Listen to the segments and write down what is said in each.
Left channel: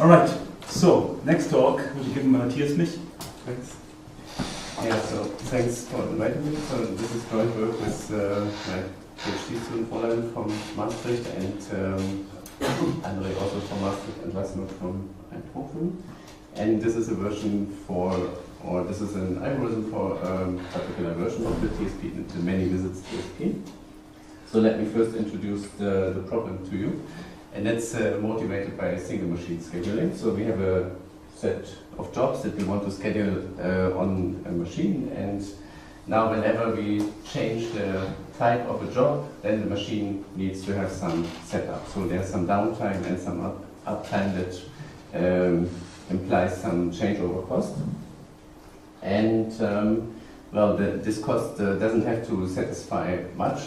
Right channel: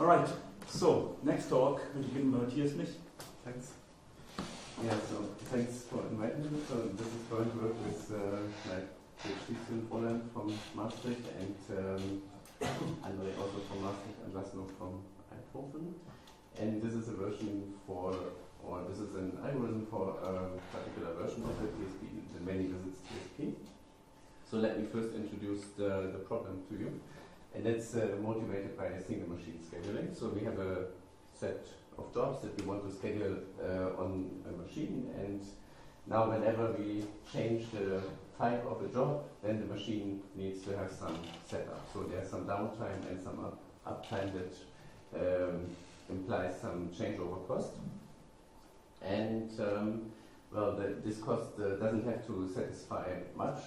All right, so next talk will be given by Matthias Mnich. Thanks. Yeah, so thanks for inviting me. So this is joint work with my PhD student Fräulein from Maastricht and Andre also from Maastricht and Laszlo from Eindhoven. And this is a version for, or this is an algorithm for a particular version of the TSP, the many visits TSP. So let me first introduce the problem to you. And that's motivated by single machine scheduling. So we have a set of jobs that we want to schedule on a machine, and now whenever we change the type of a job, then the machine needs to have some setup. So there's some downtime and some uptime that implies some changeover cost. And well, this cost doesn't have to satisfy much,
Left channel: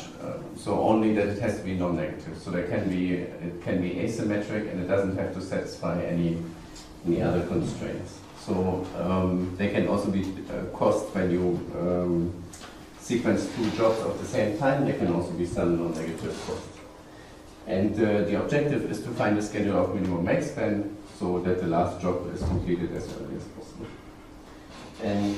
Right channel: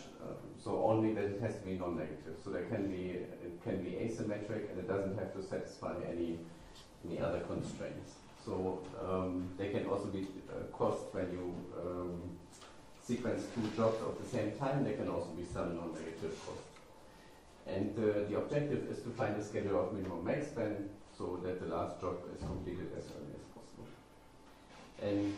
so only that it has to be non-negative. So it can be asymmetric, and it doesn't have to satisfy any other constraints. So they can also be cost when you sequence two jobs at the same time. There can also be some non-negative cost. And the objective is to find a schedule of minimum max span so that the last job is completed as early as possible. And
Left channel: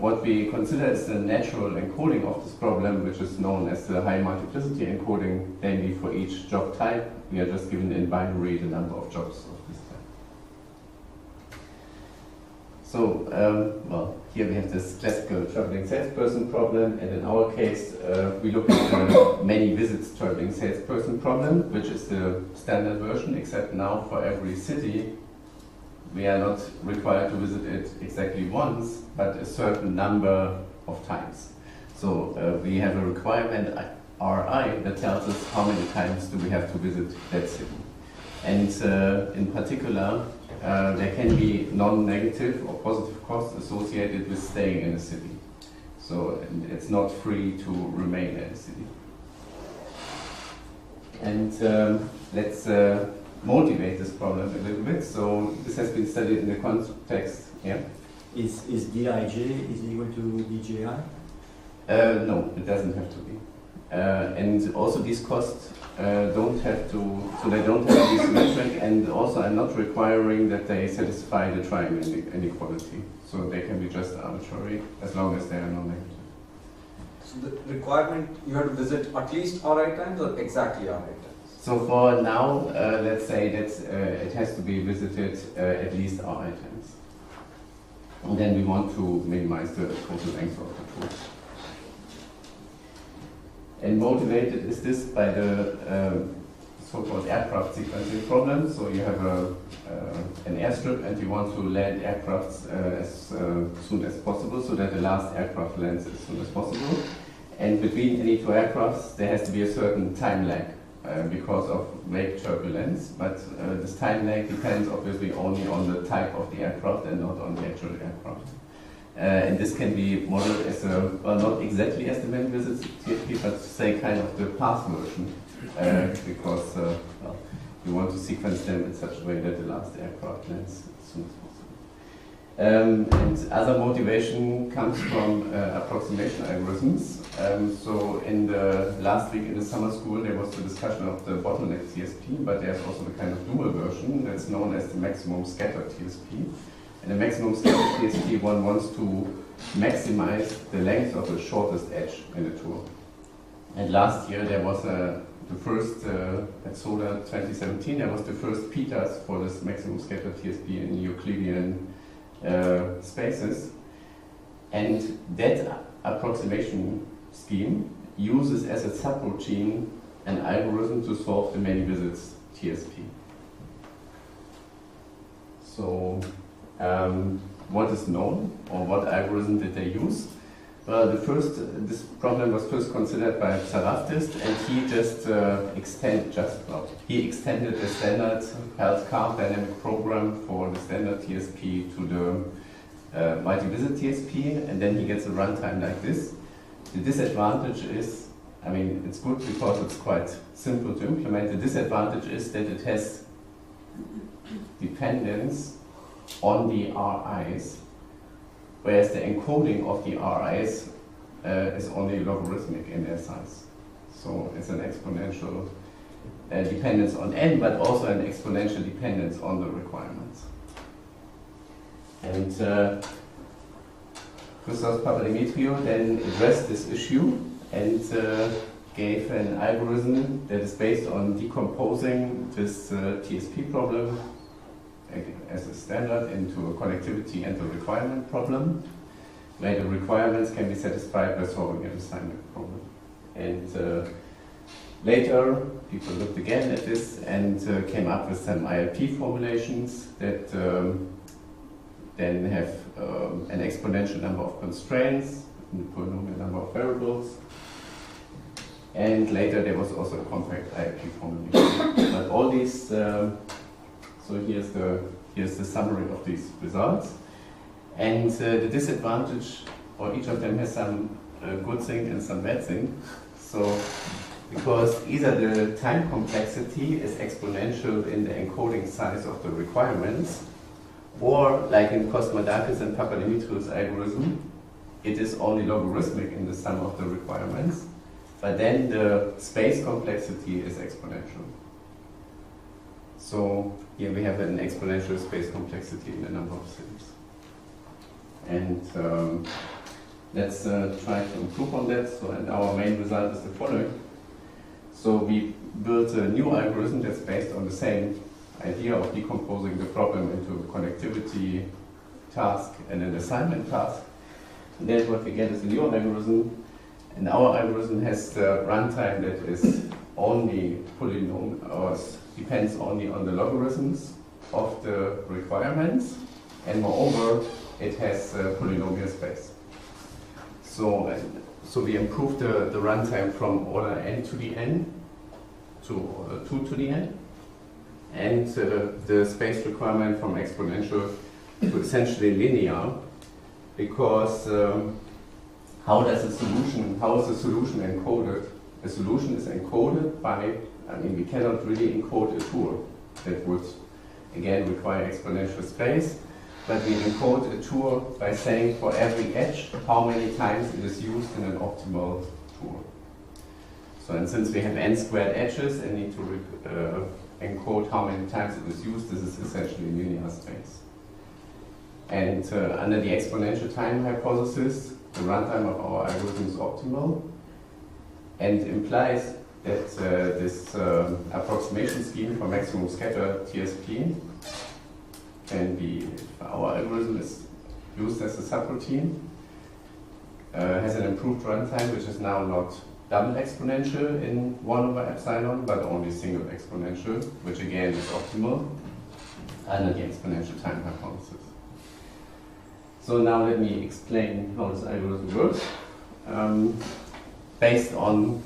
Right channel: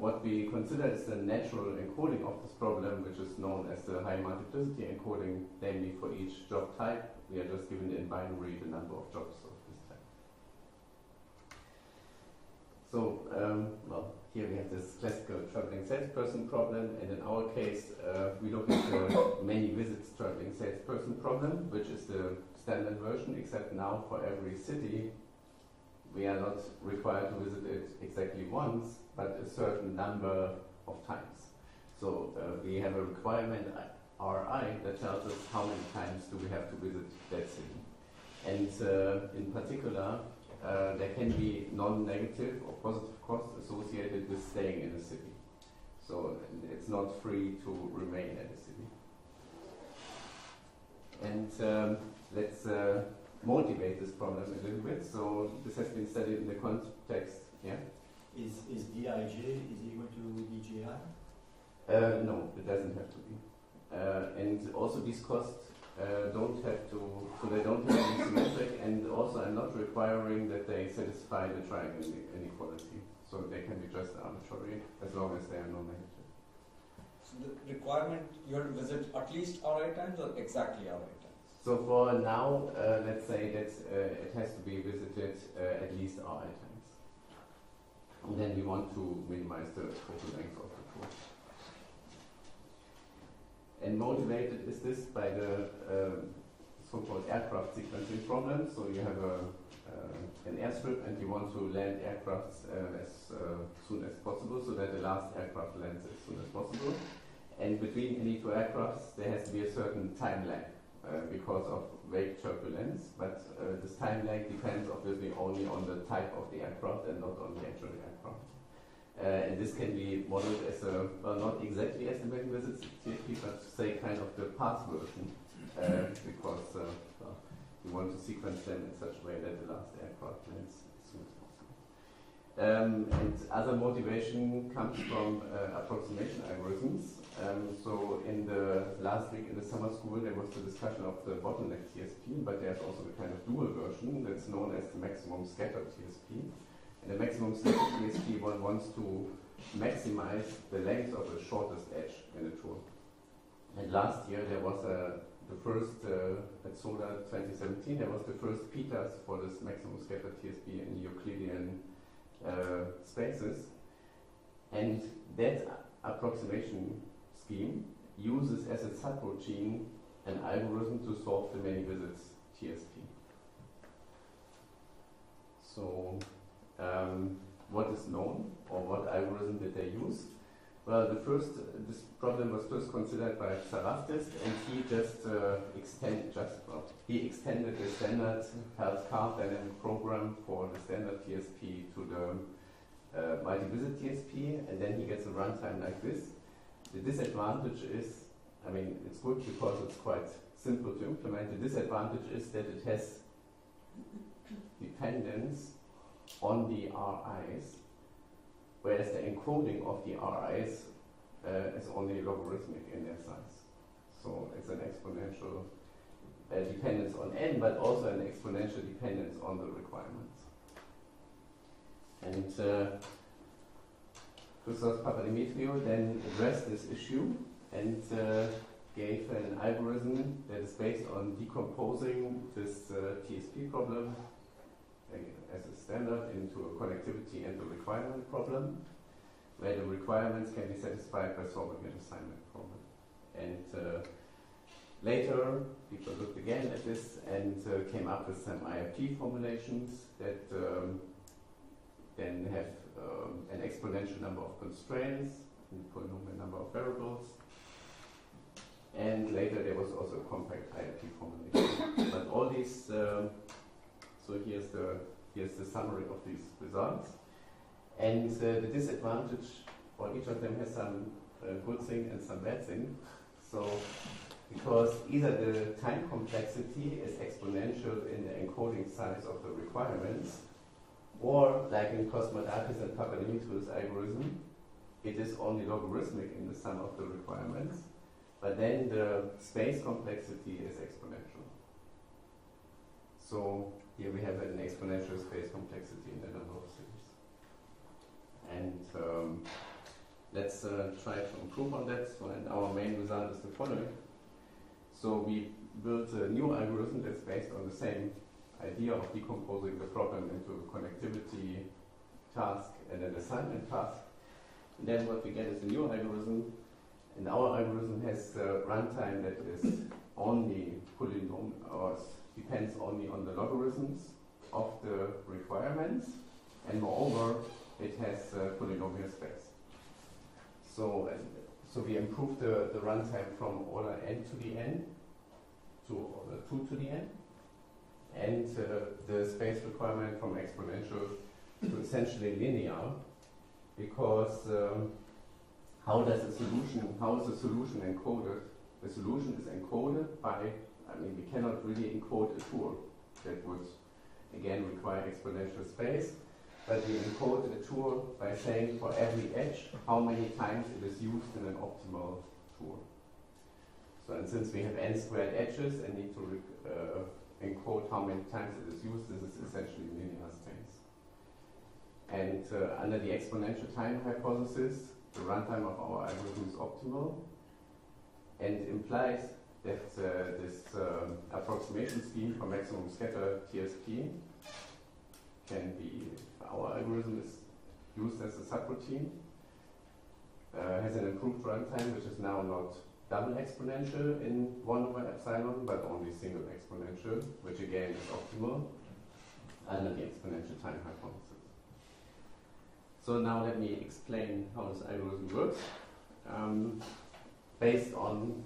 what we consider is the natural encoding of this problem, which is known as the high multiplicity encoding. Namely, for each job type, we are just given in binary the number of jobs of this type. So, well, here we have this classical traveling salesperson problem, and in our case, we look at the many visits traveling salesperson problem, which is the standard version, except now for every city, we are not required to visit it exactly once, but a certain number of times. So we have a requirement, Ri, that tells us how many times do we have to visit that city. And in particular, there can be non-negative or positive costs associated with staying in a city. So it's not free to remain in a city. And let's motivate this problem a little bit. So this has been studied in the context, yeah? Is Dij is equal to Dji? No, it doesn't have to be. And also these costs don't have to, so they don't have to be symmetric, and also I'm not requiring that they satisfy the triangle inequality. So they can be just arbitrary as long as they are non-negative. So the requirement, you have to visit at least Ri times or exactly Ri times? So for now, let's say that it has to be visited at least Ri times. And then we want to minimize the total length of the tool. And motivated is this by the so-called aircraft sequencing problem. So you have an airstrip and you want to land aircrafts as soon as possible, so that the last aircraft lands as soon as possible. And between any two aircrafts, there has to be a certain time lag. Because of wake turbulence, but this time lag depends obviously only on the type of the aircraft and not on the actual aircraft. And this can be modeled as a, well, not exactly as the many visits TSP, but say kind of the path version, because well, you want to sequence them in such a way that the last aircraft lands as soon as possible. And other motivation comes from approximation algorithms. So in the last week in the summer school there was the discussion of the bottleneck TSP, but there's also the kind of dual version that's known as the maximum scatter TSP. In the maximum scatter TSP, one wants to maximize the length of the shortest edge in the tour. And last year there was the first, at SOLA 2017, there was the first PITAS for this maximum scatter TSP in Euclidean spaces, and that approximation scheme uses as a subroutine an algorithm to solve the many visits TSP. So what is known, or what algorithm did they use? Well, this problem was first considered by Sarafdist, and he just extended the standard health card dynamic program for the standard TSP to the multi-visit TSP, and then he gets a runtime like this. The disadvantage is, I mean, it's good because it's quite simple to implement. The disadvantage is that it has dependence on the RIs, whereas the encoding of the RIs is only logarithmic in their size. So it's an exponential dependence on n, but also an exponential dependence on the requirements. And Hausdorff Papadimitriou then addressed this issue and gave an algorithm that is based on decomposing this TSP problem as a standard into a connectivity and the requirement problem, where the requirements can be satisfied by solving an assignment problem. And later, people looked again at this and came up with some ILP formulations that then have an exponential number of constraints, a polynomial number of variables. And later there was also a compact ILP formulation. But all these, so here's the summary of these results. And the disadvantage, or each of them has some good thing and some bad thing. So, because either the time complexity is exponential in the encoding size of the requirements, or like in Cosmadakis and Papadimitriou's algorithm, it is only logarithmic in the sum of the requirements, but then the space complexity is exponential. So here we have an exponential space complexity in a number of cities. And let's try to improve on that. So, and our main result is the following. So we built a new algorithm that's based on the same idea of decomposing the problem into a connectivity task and an assignment task. And then what we get is a new algorithm. And our algorithm has the runtime that is only polynomial, or depends only on the logarithms of the requirements. And moreover, it has polynomial space. So we improved the runtime from order n to the n to order 2 to the n, and the space requirement from exponential to essentially linear, because how is the solution encoded? A solution is encoded by, we cannot really encode a tour. That would again require exponential space. But we encode a tour by saying for every edge how many times it is used in an optimal tour. So, and since we have n squared edges and need to encode how many times it is used, this is essentially linear space. And under the exponential-time hypothesis, the runtime of our algorithm is optimal and implies that this approximation scheme for maximum scatter TSP can be, our algorithm is used as a subroutine, has an improved runtime, which is now not double exponential in 1 over epsilon, but only single exponential, which again is optimal under the exponential time hypothesis. So now let me explain how this algorithm works. Based on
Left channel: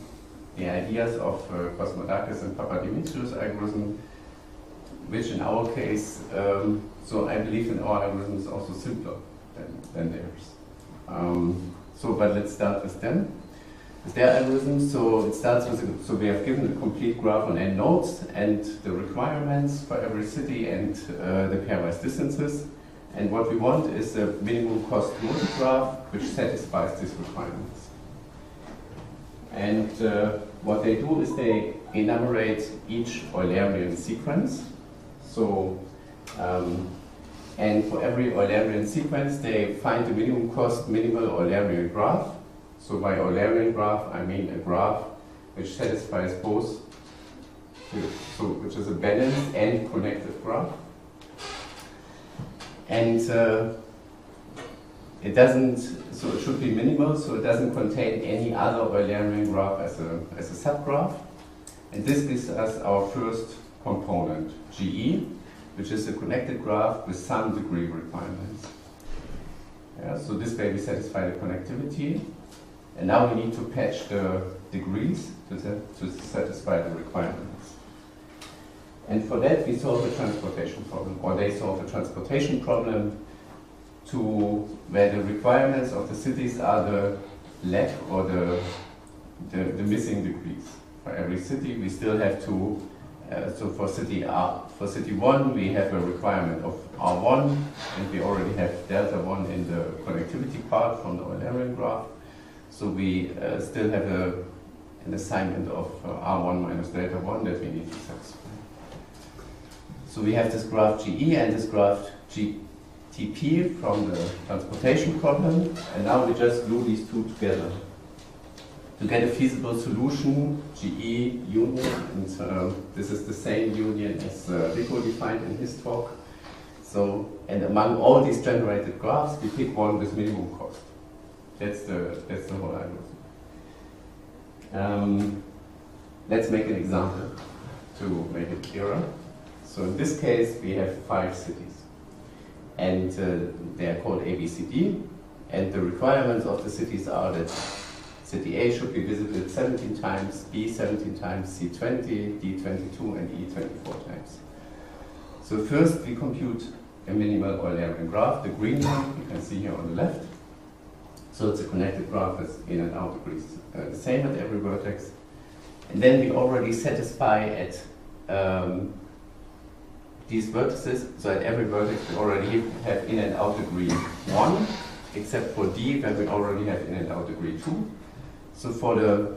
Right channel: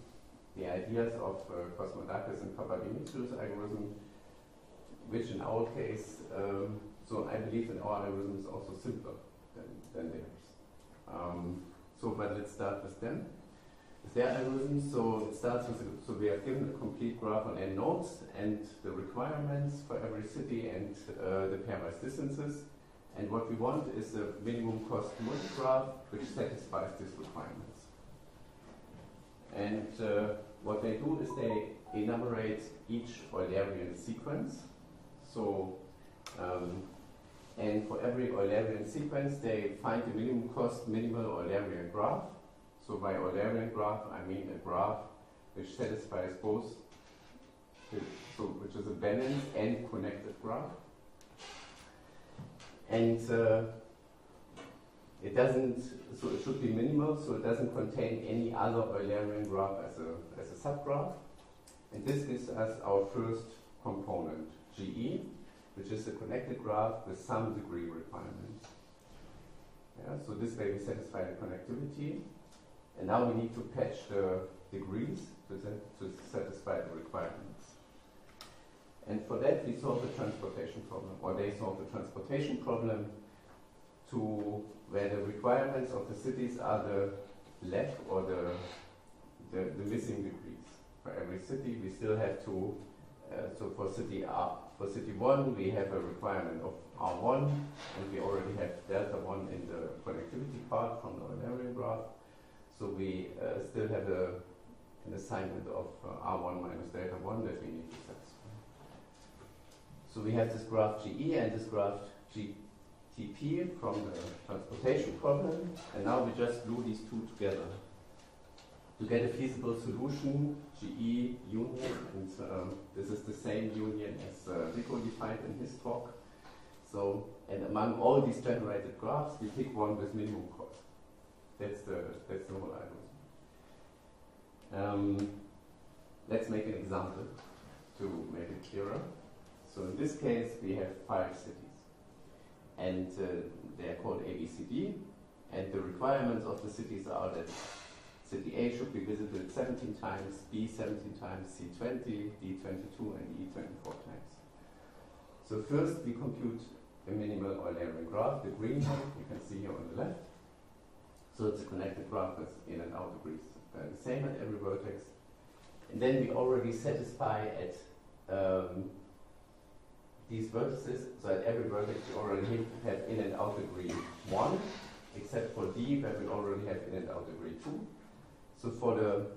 the ideas of Cosmadakis and Papadimitriou's algorithm, which in our case, so I believe in our algorithm is also simpler than theirs. But let's start with them. With their algorithm, so it starts with, so we have given a complete graph on n nodes and the requirements for every city and the pairwise distances. And what we want is a minimum cost node graph which satisfies these requirements. And what they do is they enumerate each Eulerian sequence. So, and for every Eulerian sequence, they find the minimum cost minimal Eulerian graph. So by Eulerian graph, I mean a graph which satisfies both, so which is a balanced and connected graph. And it doesn't, so it should be minimal, so it doesn't contain any other Eulerian graph as a subgraph. And this gives us our first component, GE, which is a connected graph with some degree requirements. Yeah, so this way we satisfy the connectivity. And now we need to patch the degrees to satisfy the requirements. And for that we solve a transportation problem, or they solve a transportation problem to where the requirements of the cities are the lack or the missing degrees. For every city we still have to, so for city 1 we have a requirement of R1, and we already have delta 1 in the connectivity part from the Eulerian graph. So we still have an assignment of R1 minus delta 1 that we need to satisfy. So we have this graph GE and this graph GTP from the transportation problem, and now we just glue these two together to get a feasible solution, GE union, and this is the same union as Rico defined in his talk. So, and among all these generated graphs, we pick one with minimum cost. That's the whole algorithm. Let's make an example to make it clearer. So in this case, we have 5 cities, and they are called A, B, C, D, and the requirements of the cities are that city A should be visited 17 times, B 17 times, C 20, D 22, and E 24 times. So first we compute a minimal Eulerian graph, the green one you can see here on the left. So it's a connected graph that's in and out degrees the same at every vertex. And then we already satisfy at these vertices, so at every vertex we already have in and out degree 1, except for D where we already have in and out degree 2. So for the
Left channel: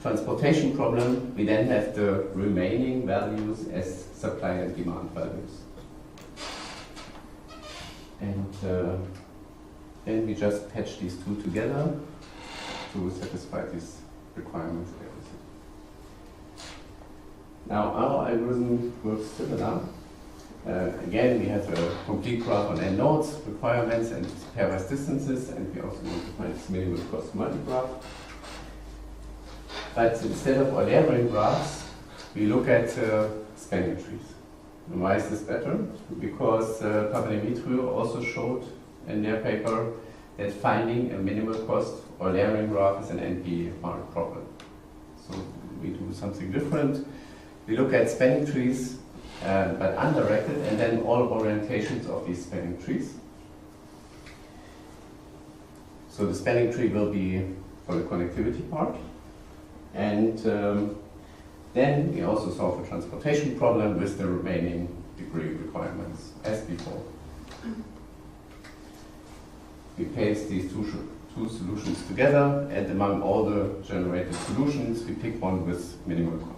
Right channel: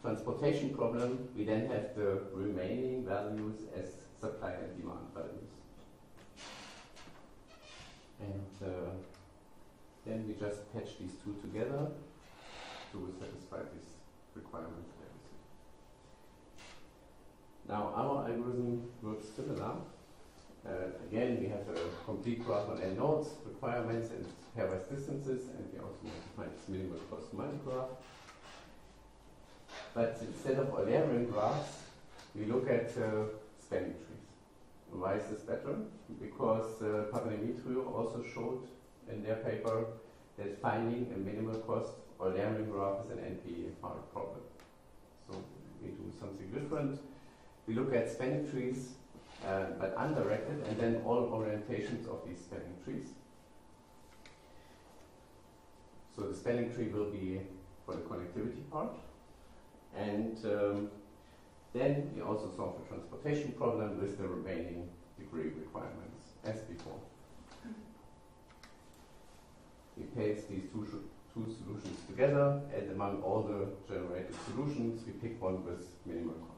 transportation problem, we then have the remaining values as supply and demand values. And then we just patch these two together to satisfy these requirements. Now our algorithm works similar. Again, we have a complete graph on n nodes, requirements, and pairwise distances, and we also want to find this minimal cost multigraph. But instead of Eulerian graphs, we look at spanning trees. And why is this better? Because Papadimitriou also showed in their paper that finding a minimal cost Eulerian graph is an NP-hard problem. So we do something different. We look at spanning trees, but undirected, and then all orientations of these spanning trees. So the spanning tree will be for the connectivity part. And then we also solve a transportation problem with the remaining degree requirements, as before. We paste these two solutions together, and among all the generated solutions, we pick one with minimal cost.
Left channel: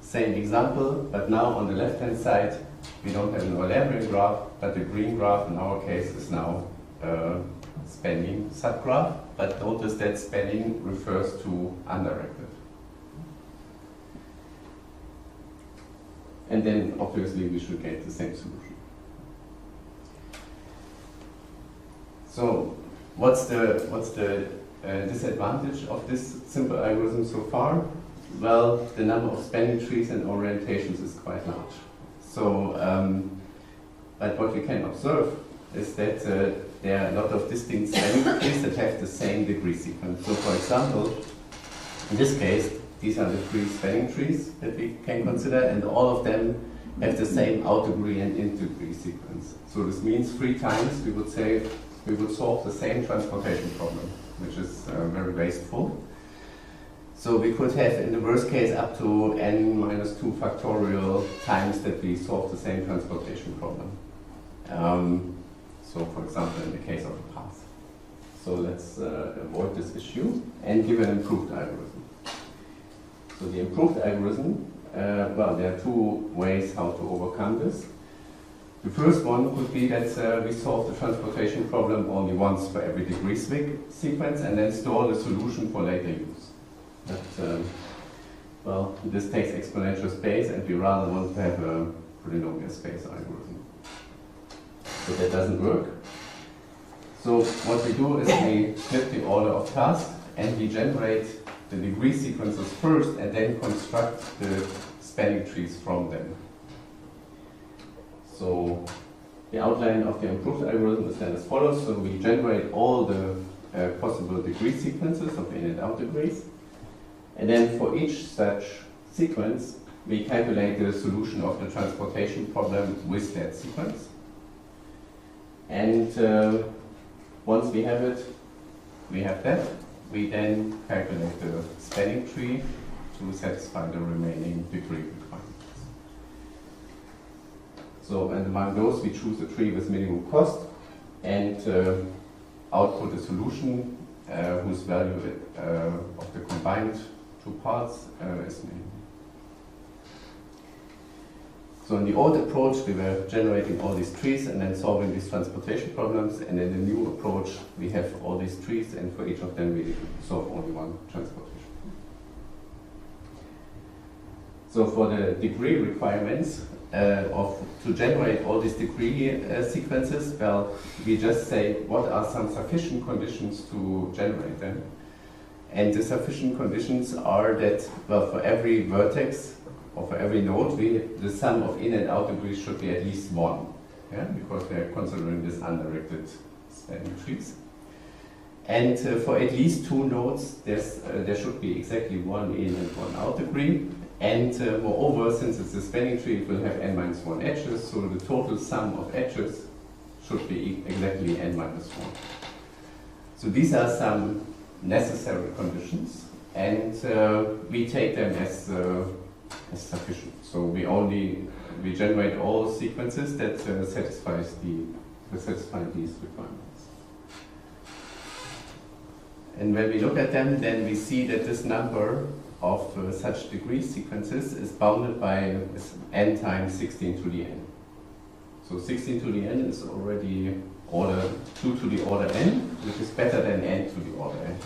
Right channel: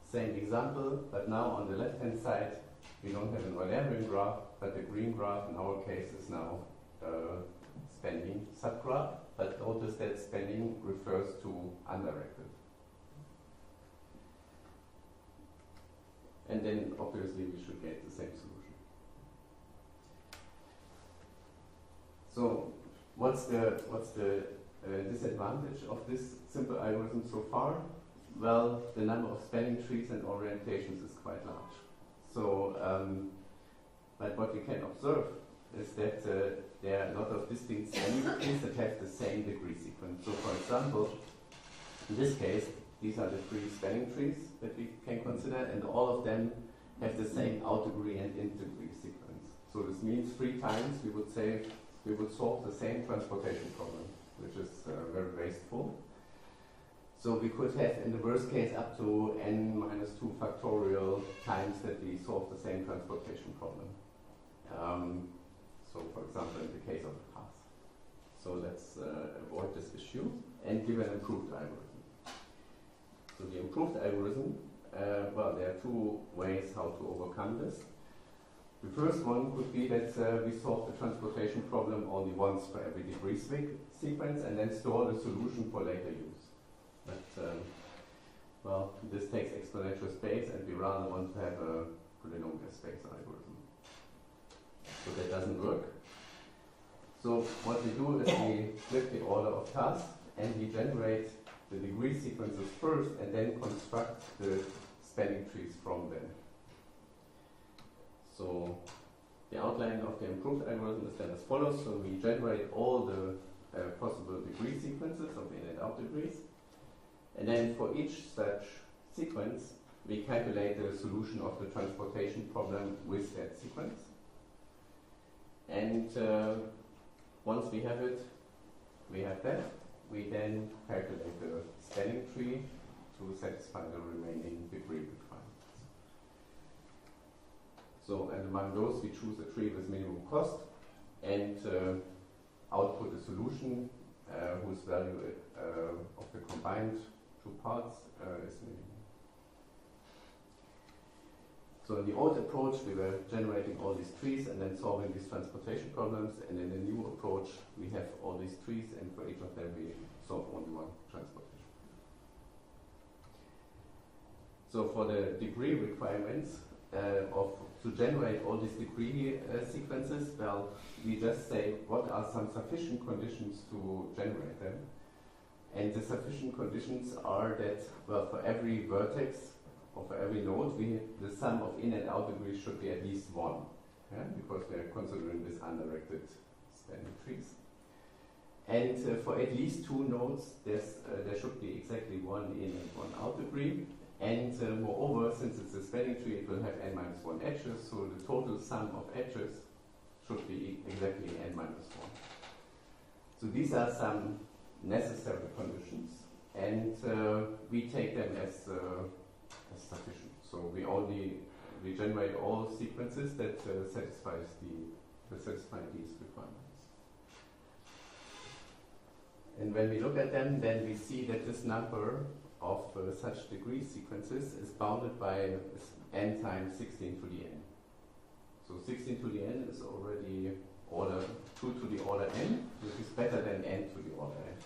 Same example, but now on the left-hand side, we don't have an Eulerian graph, but the green graph in our case is now a spanning subgraph, but notice that spanning refers to undirected. And then obviously we should get the same solution. So what's the disadvantage of this simple algorithm so far? Well, the number of spanning trees and orientations is quite large. So, but what we can observe is that there are a lot of distinct spanning trees that have the same degree sequence. So for example, in this case, these are the 3 spanning trees that we can consider, and all of them have the same out degree and in degree sequence. So this means 3 times we would say we would solve the same transportation problem, which is very wasteful. So we could have, in the worst case, up to n minus 2 factorial times that we solve the same transportation problem. So for example, in the case of a path. So let's avoid this issue and give an improved algorithm. So the improved algorithm, well, there are 2 ways how to overcome this. The first one could be that we solve the transportation problem only once for every degree sequence and then store the solution for later use. But, well, this takes exponential space, and we rather want to have a polynomial space algorithm. So that doesn't work. So what we do is we flip the order of tasks, and we generate the degree sequences first, and then construct the spanning trees from them. So the outline of the improved algorithm is then as follows. So we generate all the possible degree sequences of in and out degrees. And then for each such sequence, we calculate the solution of the transportation problem with that sequence. And once we have it, we have that. We then calculate the spanning tree to satisfy the remaining degree requirements. So, and among those, we choose a tree with minimum cost and output a solution whose value of the combined two parts is mean. So in the old approach, we were generating all these trees and then solving these transportation problems. And in the new approach, we have all these trees, and for each of them, we solve only one transportation. So for the degree requirements to generate all these degree sequences, well, we just say what are some sufficient conditions to generate them. And the sufficient conditions are that, well, for every vertex, or for every node, the sum of in and out degrees should be at least 1, yeah? Because we are considering this undirected spanning trees. And for at least 2 nodes, there should be exactly 1 in and 1 out degree. And moreover, since it's a spanning tree, it will have n-1 edges, so the total sum of edges should be exactly n-1. So these are some necessary conditions, and we take them as sufficient. So we generate all sequences that satisfy these requirements. And when we look at them, then we see that this number of such degree sequences is bounded by n times 16 to the n. So 16 to the n is already order 2 to the order n, which is better than n to the order n.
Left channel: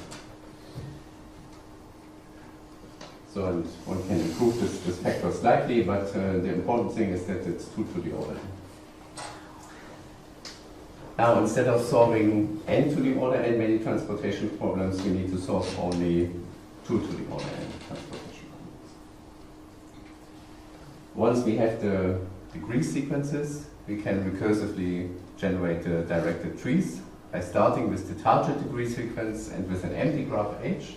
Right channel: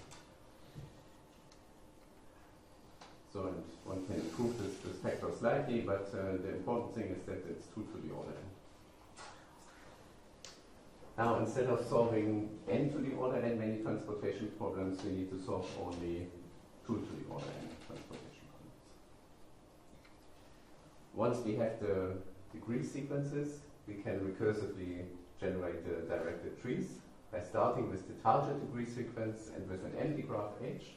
So and one can improve this factor slightly, but the important thing is that it's 2 to the order n. Now, instead of solving n to the order n many transportation problems, we need to solve only 2 to the order n transportation problems. Once we have the degree sequences, we can recursively generate the directed trees by starting with the target degree sequence and with an empty graph H,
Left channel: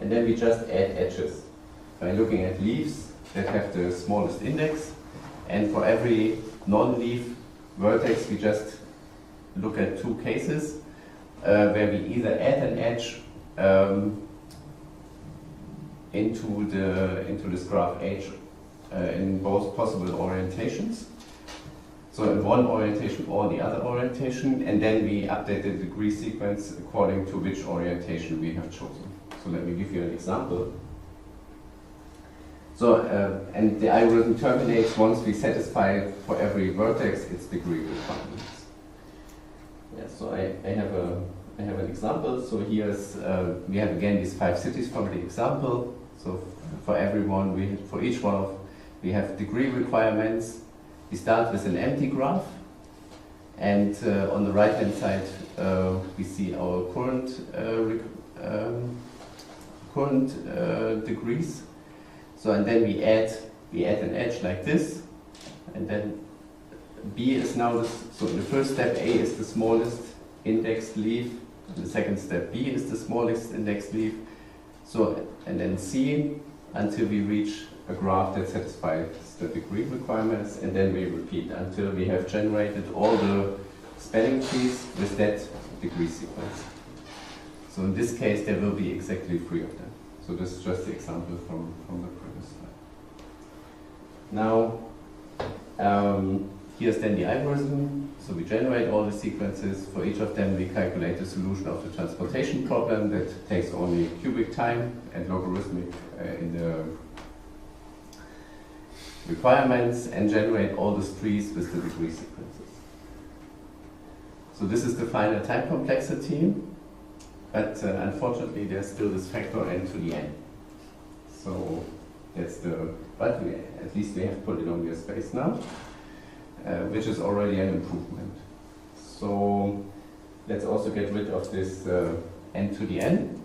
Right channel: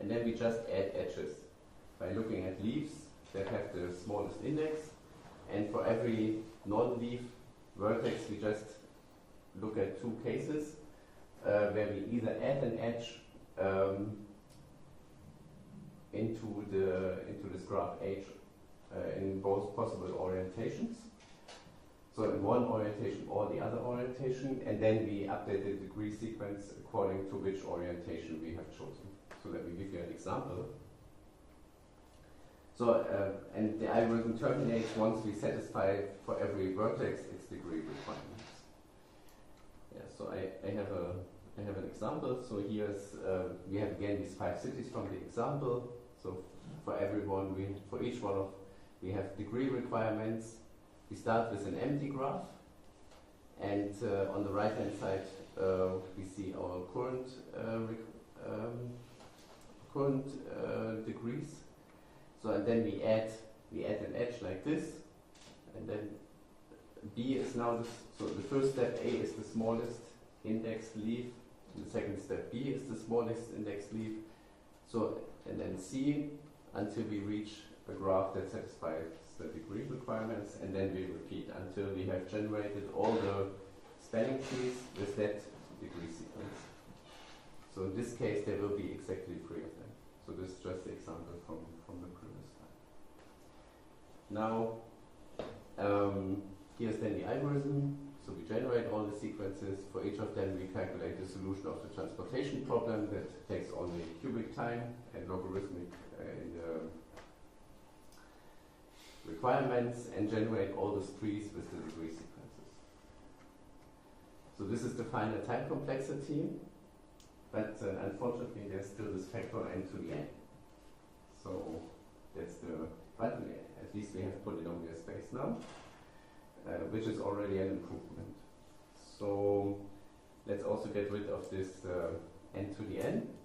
and then we just add edges by looking at leaves that have the smallest index, and for every non-leaf vertex we just look at 2 cases where we either add an edge into this graph H in both possible orientations. So in one orientation or the other orientation, and then we update the degree sequence according to which orientation we have chosen. So let me give you an example. So, and the algorithm terminates once we satisfy for every vertex its degree requirements. Yeah, so I have an example. So here's we have again these 5 cities from the example. So for everyone, for each one we have degree requirements. We start with an empty graph, and on the right hand side we see our current degrees. So and then we add an edge like this, and then B is now this. So in the first step, A is the smallest indexed leaf. In the second step, B is the smallest indexed leaf. So and then C until we reach a graph that satisfies the degree requirements, and then we repeat until we have generated all the spanning trees with that degree sequence. So in this case, there will be exactly 3 of them. So this is just the example from the previous slide. Now, here's then the algorithm. So we generate all the sequences. For each of them, we calculate the solution of the transportation problem that takes only cubic time and logarithmic in the requirements, and generate all the trees with the degree sequences. So this is the final time complexity, but unfortunately there's still this factor n to the n. So that's but at least we have polynomial space now, which is already an improvement. So let's also get rid of this n to the n.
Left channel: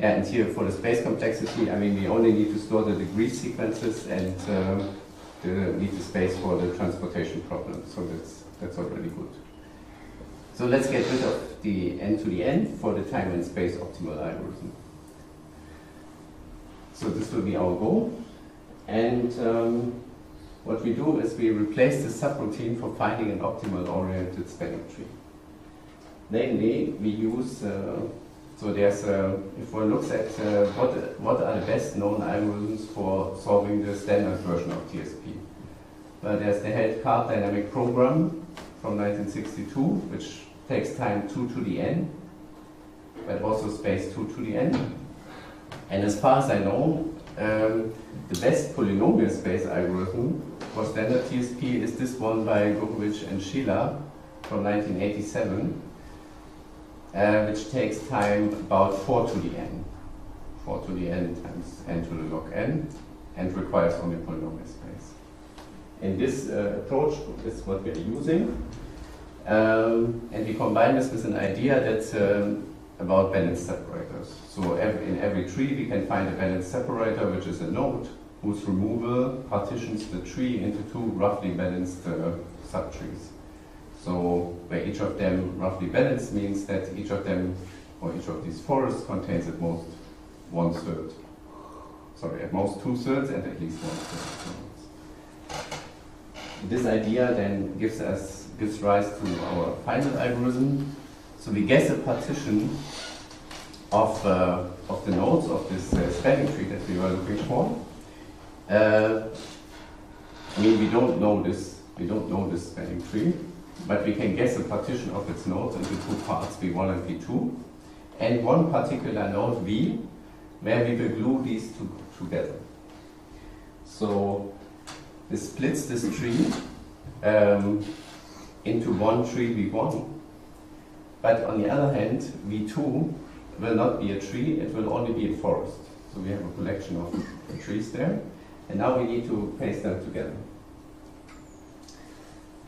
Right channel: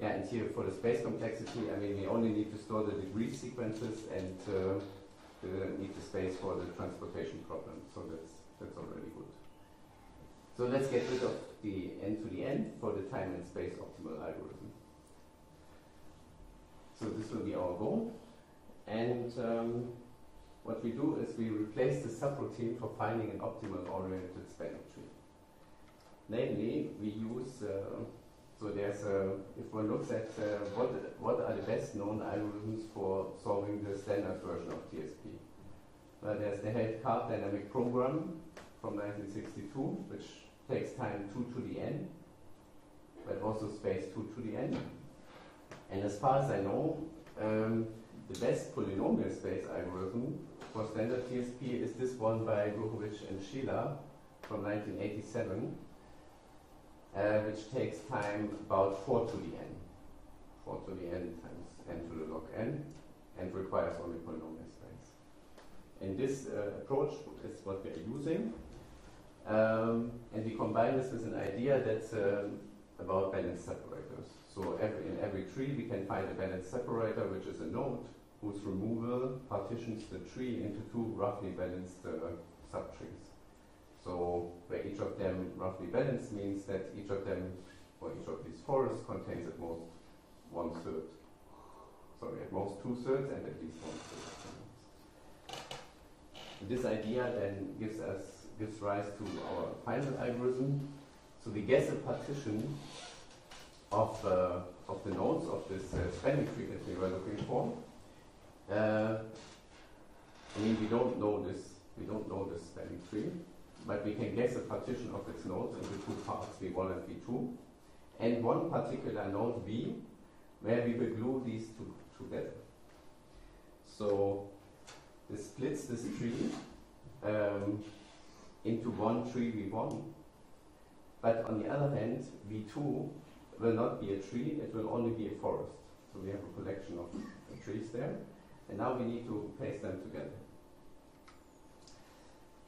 Yeah, and here for the space complexity, I mean, we only need to store the degree sequences and need the space for the transportation problem. So that's already good. So let's get rid of the n to the n for the time and space optimal algorithm. So this will be our goal. And what we do is we replace the subroutine for finding an optimal oriented spanning tree. Namely, we use so there's if one looks at what are the best known algorithms for solving the standard version of TSP. Well, there's the Hausdorff Trimester Program from 1962, which takes time 2 to the n. but also space 2 to the n. And as far as I know, the best polynomial space algorithm for standard TSP is this one by Gokovich and Sheila from 1987, which takes time about 4 to the n. 4 to the n times n to the log n, and requires only polynomial space. And this approach is what we are using. And we combine this with an idea that's about balanced separators. So in every tree we can find a balanced separator, which is a node whose removal partitions the tree into two roughly balanced subtrees. So where each of them roughly balanced means that each of them, or each of these forests, contains at most 1/3. Sorry, at most 2/3 and at least 1/3. This idea then gives rise to our final algorithm. So we guess a partition of the nodes of this spanning tree that we were looking for. I mean, we don't know this spanning tree, but we can guess a partition of its nodes into two parts, V1 and V2, and one particular node V, where we will glue these two together. So this splits this tree into one tree V1. But on the other hand, V2 will not be a tree, it will only be a forest. So we have a collection of trees there. And now we need to paste them together.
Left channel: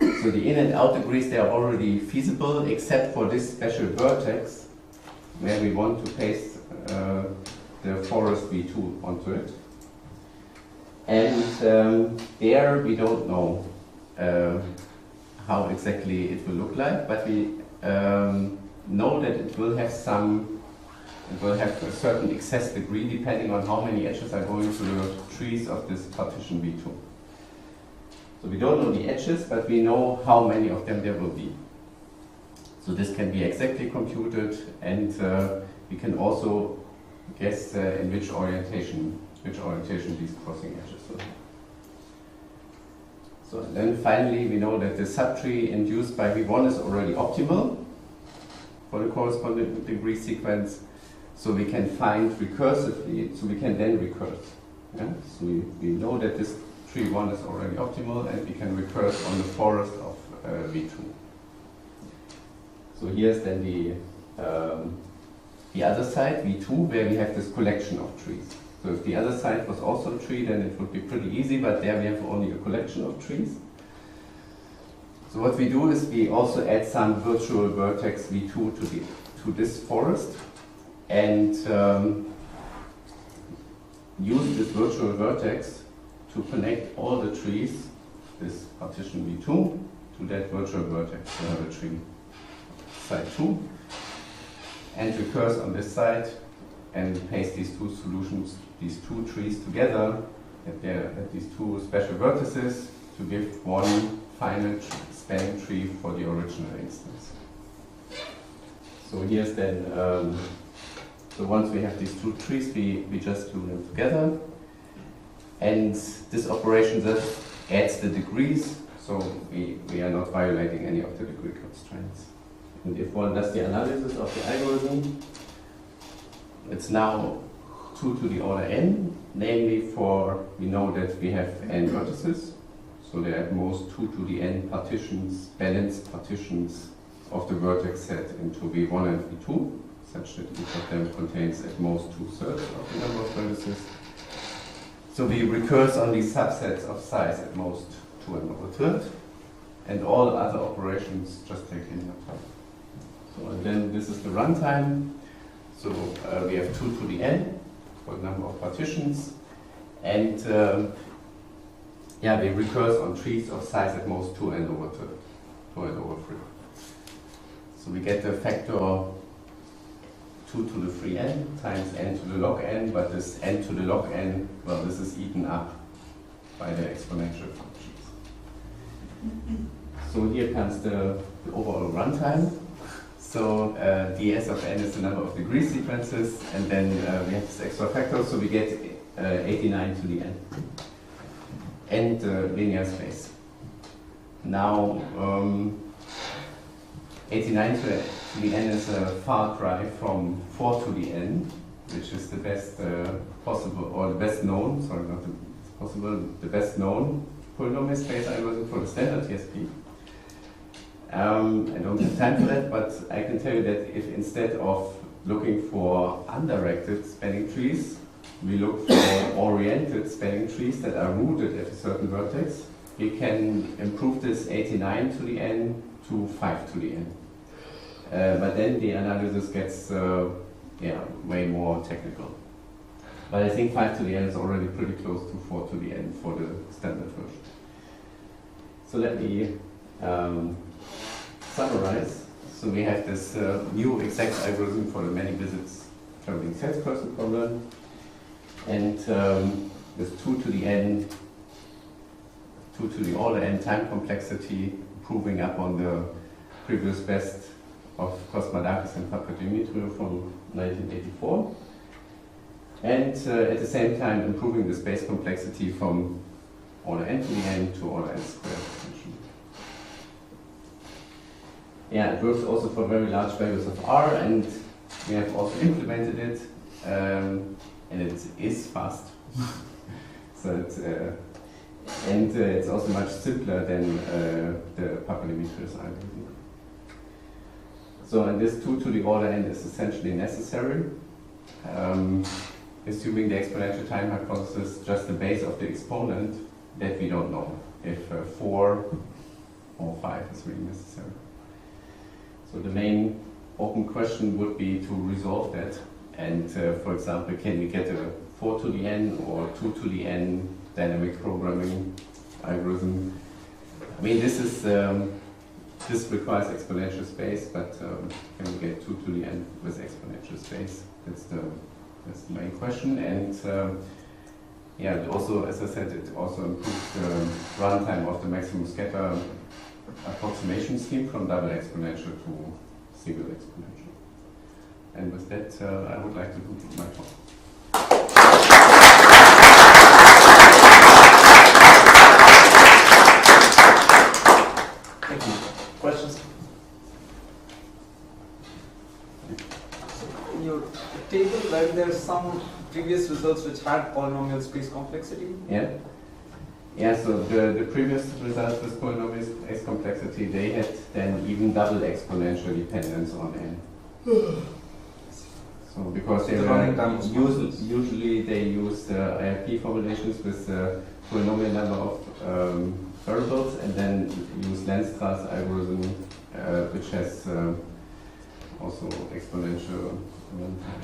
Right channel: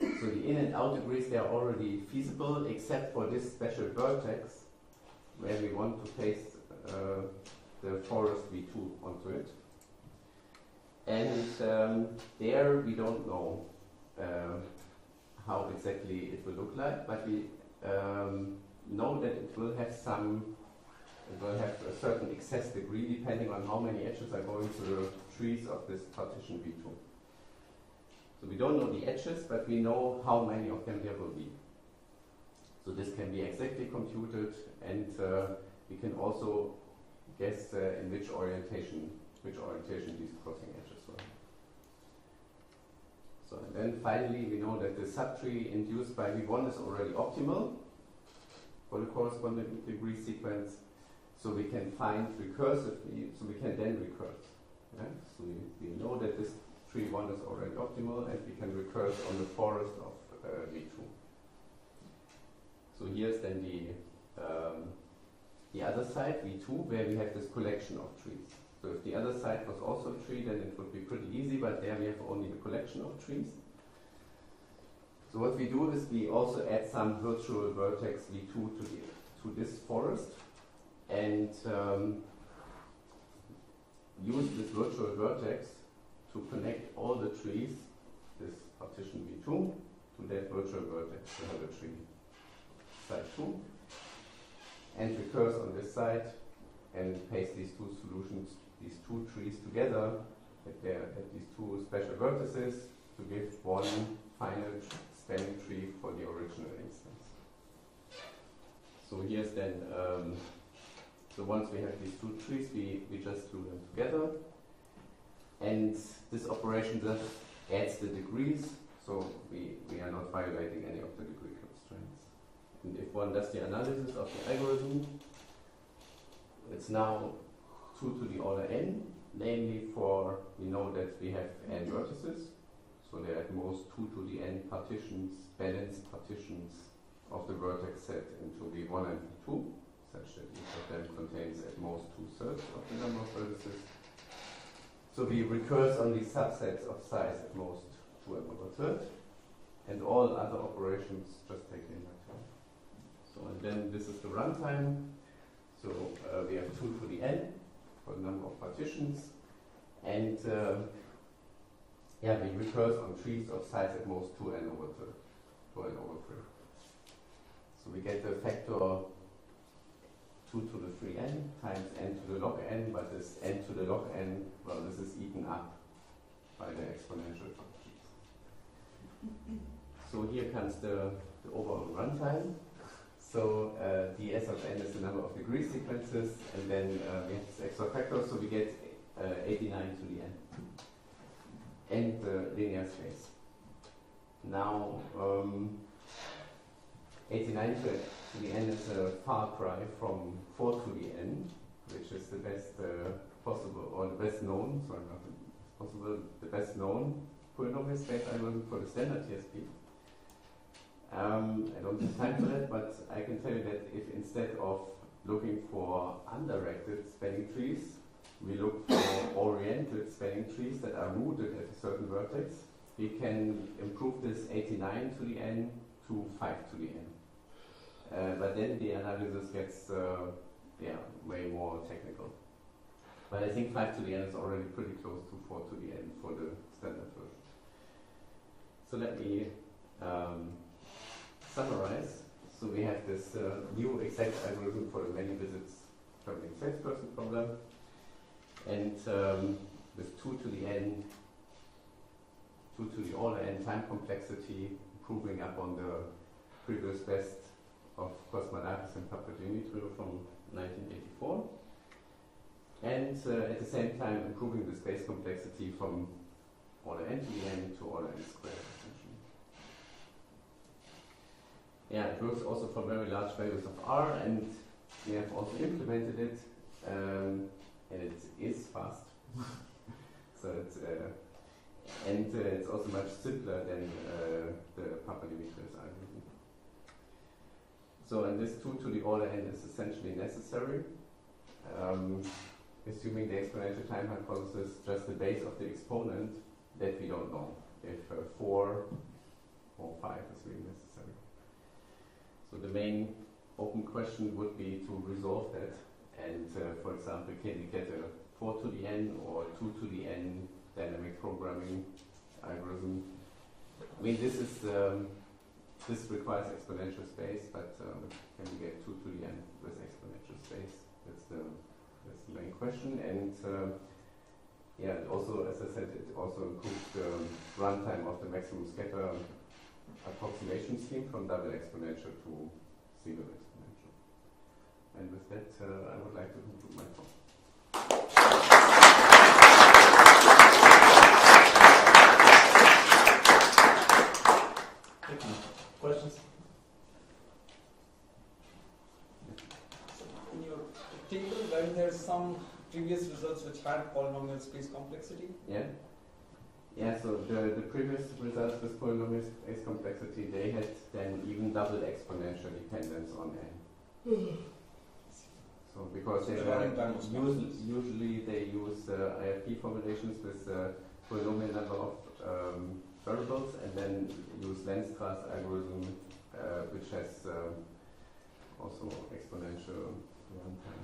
So the in and out degrees, they are already feasible, except for this special vertex, where we want to paste the forest V2 onto it. And there we don't know how exactly it will look like, but we know that it will have a certain excess degree depending on how many edges are going to the trees of this partition V2. So we don't know the edges, but we know how many of them there will be. So this can be exactly computed, and we can also guess in which orientation these crossing edges will have. So then finally we know that the subtree induced by V1 is already optimal for the corresponding degree sequence. So we can find recursively, so we can then recurse. Yeah? So we know that this tree 1 is already optimal, and we can recurse on the forest of V2. So here's then the other side, V2, where we have this collection of trees. So if the other side was also a tree, then it would be pretty easy, but there we have only a collection of trees. So what we do is we also add some virtual vertex V2 to this forest, and use this virtual vertex to connect all the trees, this partition V2, to that virtual vertex. We have a tree side 2, and recurse on this side, and paste these two solutions, these two trees together, at these two special vertices, to give one final spanning tree for the original instance. So here's then, so once we have these two trees, we just glue them together. And this operation just adds the degrees, so we are not violating any of the degree constraints. And if one does the analysis of the algorithm, it's now 2 to the order n, namely we know that we have n vertices, so there are at most 2 to the n partitions, balanced partitions of the vertex set into V1 and V2, such that each of them contains at most 2/3 of the number of vertices. So we recurse on these subsets of size at most 2 and over third, and all other operations just take linear time. So and then this is the runtime. So we have 2 to the n for the number of partitions, and we recurse on trees of size at most 2 n over third, 2 n over 3. So we get the factor 2 to the 3n times n to the log n, but this n to the log n, well, this is eaten up by the exponential functions. So here comes the overall runtime. So ds of n is the number of degree sequences, and then we have this extra factor, so we get 89 to the n. And linear space. Now, 89 to the n is a far cry from 4 to the n, which is the best possible, or the best known, sorry, not the possible, the best known polynomial space algorithm for the standard TSP. I don't have time for that, but I can tell you that if instead of looking for undirected spanning trees, we look for oriented spanning trees that are rooted at a certain vertex, we can improve this 89 to the n to 5 to the n. But then the analysis gets way more technical. But I think 5 to the n is already pretty close to 4 to the n for the standard version. So let me summarize. So we have this new exact algorithm for the many visits traveling salesperson problem, and with 2 to the n, 2 to the order n time complexity, proving up on the previous best of Cosmadakis and Papadimitriou from 1984, and at the same time improving the space complexity from order n to the n to order n squared. Yeah, it works also for very large values of r, and we have also implemented it, and it is fast. So it's, it's also much simpler than the Papadimitriou's algorithm. So, and this 2 to the order n is essentially necessary, assuming the exponential-time hypothesis, just the base of the exponent that we don't know, if 4 or 5 is really necessary. So the main open question would be to resolve that, and for example, can we get a 4 to the n or 2 to the n dynamic programming algorithm? I mean, this is this requires exponential space, but can we get 2 to the n with exponential space? That's the main question. And yeah, also, as I said, it also improves the runtime of the maximum scatter approximation scheme from double exponential to single exponential. And with that, I would like to conclude my talk. Thank you. Questions? In your table, when there's some previous results which had polynomial space complexity? Yeah. Yeah, so the previous results with polynomial space complexity, they had then even double exponential dependence on n. So because they were usually they use IRP formulations with polynomial number of variables, and then use Lensstra's algorithm, which has also exponential runtime.